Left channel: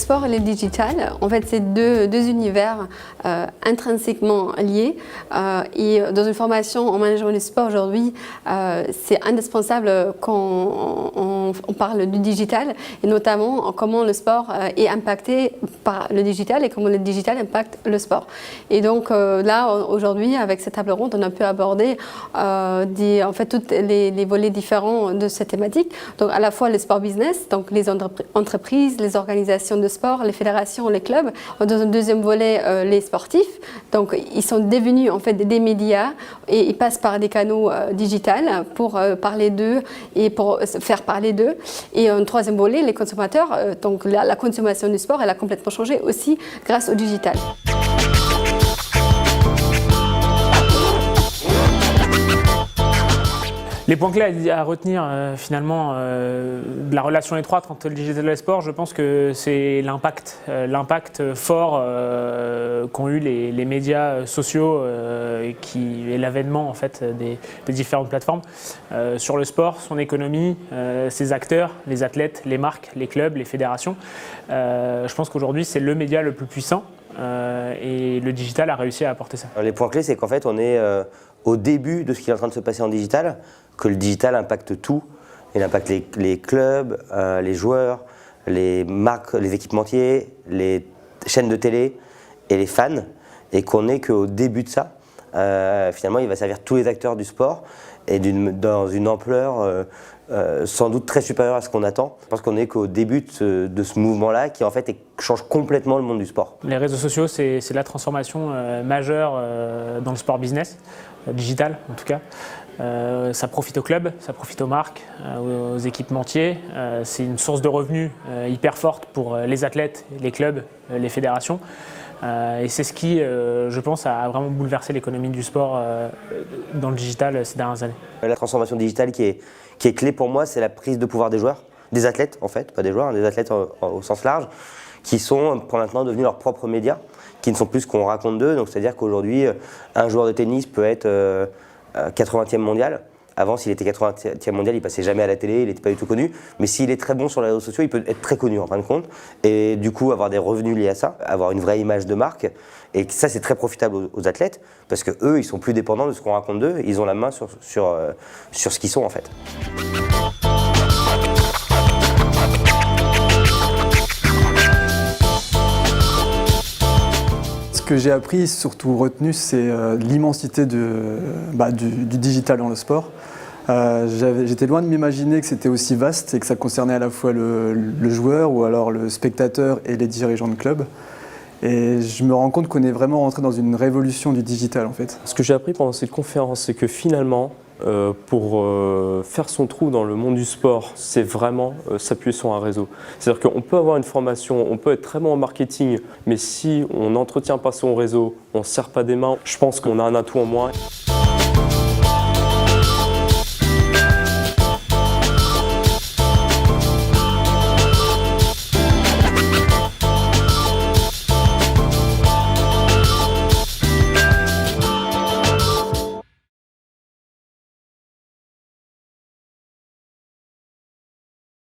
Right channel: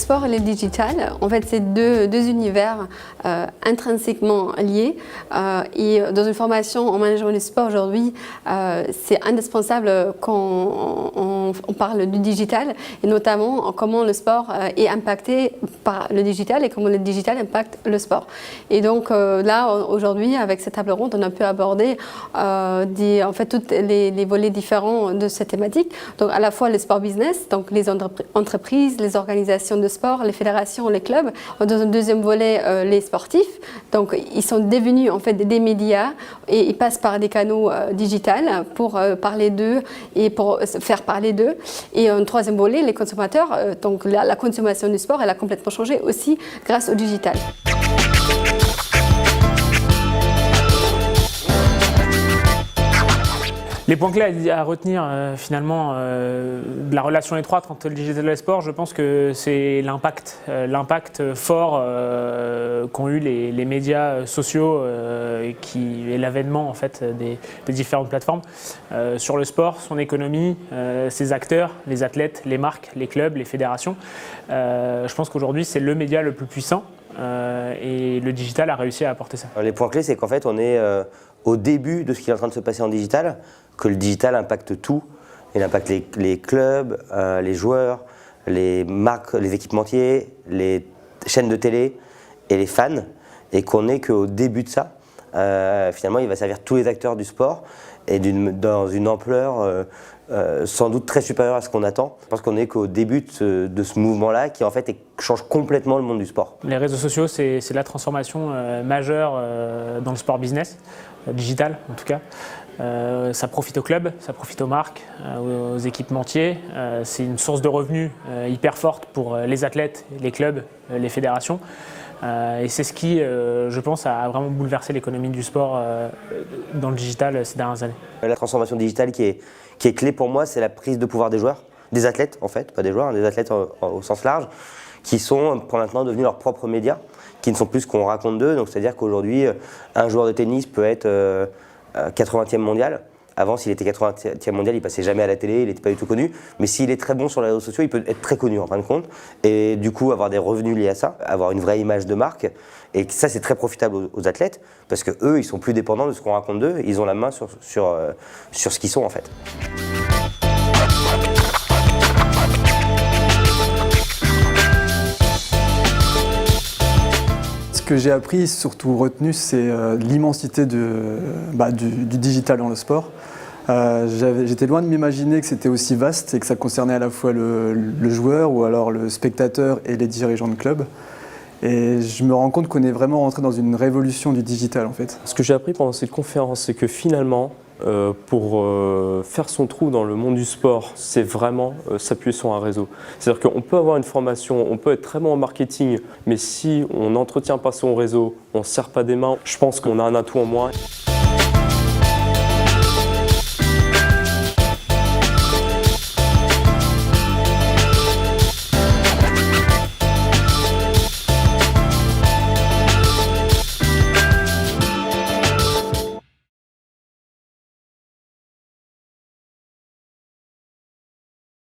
sport et le digital, en fait, c'est deux univers intrinsèquement liés. Et dans une formation en management du sport aujourd'hui, c'est indispensable quand on parle du digital et notamment comment le sport est impacté par le digital et comment le digital impacte le sport. Et donc là, aujourd'hui, avec cette table ronde, on a pu aborder en fait, tous les volets différents de cette thématique. Donc à la fois le sport business, donc les entreprises, les organisations de sport, les fédérations, les clubs. Dans un deuxième volet, les sportifs. Donc ils sont devenus en fait des médias et ils passent par des canaux digitales pour parler d'eux et pour faire parler d'eux. Et un troisième volet, les consommateurs. Donc la consommation du sport, elle a complètement changé aussi grâce au digital. Les points clés à retenir finalement de la relation étroite entre le digital et le sport, je pense que c'est l'impact fort qu'ont eu les médias sociaux et l'avènement en fait des différentes plateformes sur le sport, son économie, ses acteurs, les athlètes, les marques, les clubs, les fédérations. Je pense qu'aujourd'hui c'est le média le plus puissant et le digital a réussi à apporter ça. Les points clés, c'est qu'en fait on est au début de ce qui est en train de se passer en digital, que le digital impacte tout. Il impacte les clubs, les joueurs, les marques, les équipementiers, les chaînes de télé et les fans, et qu'on n'est qu'au début de ça. Finalement, il va servir tous les acteurs du sport et dans une ampleur sans doute très supérieure à ce qu'on attend. Je pense qu'on n'est qu'au début de ce mouvement-là qui en fait change complètement le monde du sport. Les réseaux sociaux, c'est la transformation majeure dans le sport business, digital en tout cas. Ça profite aux clubs, ça profite aux marques, aux équipementiers. C'est une source de revenus hyper forte pour les athlètes, les clubs, les fédérations. Et c'est ce qui, je pense, a vraiment bouleversé l'économie du sport dans le digital ces dernières années. La transformation digitale qui est clé pour moi, c'est la prise de pouvoir des joueurs, des athlètes en fait, pas des joueurs, des athlètes au sens large, qui sont pour maintenant devenus leurs propres médias, qui ne sont plus ce qu'on raconte d'eux. Donc c'est-à-dire qu'aujourd'hui, un joueur de tennis peut être 80e mondial. Avant, s'il était 80e mondial, il passait jamais à la télé, il n'était pas du tout connu. Mais s'il est très bon sur les réseaux sociaux, il peut être très connu en fin de compte. Et du coup, avoir des revenus liés à ça, avoir une vraie image de marque. Et ça, c'est très profitable aux athlètes, parce qu'eux, ils sont plus dépendants de ce qu'on raconte d'eux. Ils ont la main sur ce qu'ils sont en fait. Ce que j'ai appris, surtout retenu, c'est l'immensité du digital dans le sport. J'étais loin de m'imaginer que c'était aussi vaste et que ça concernait à la fois le joueur ou alors le spectateur et les dirigeants de club. Et je me rends compte qu'on est vraiment rentré dans une révolution du digital en fait. Ce que j'ai appris pendant cette conférence, c'est que finalement, pour faire son trou dans le monde du sport, c'est vraiment s'appuyer sur un réseau. C'est-à-dire qu'on peut avoir une formation, on peut être très bon en marketing, mais si on n'entretient pas son réseau, on ne se serre pas des mains, je pense qu'on a un atout en moins.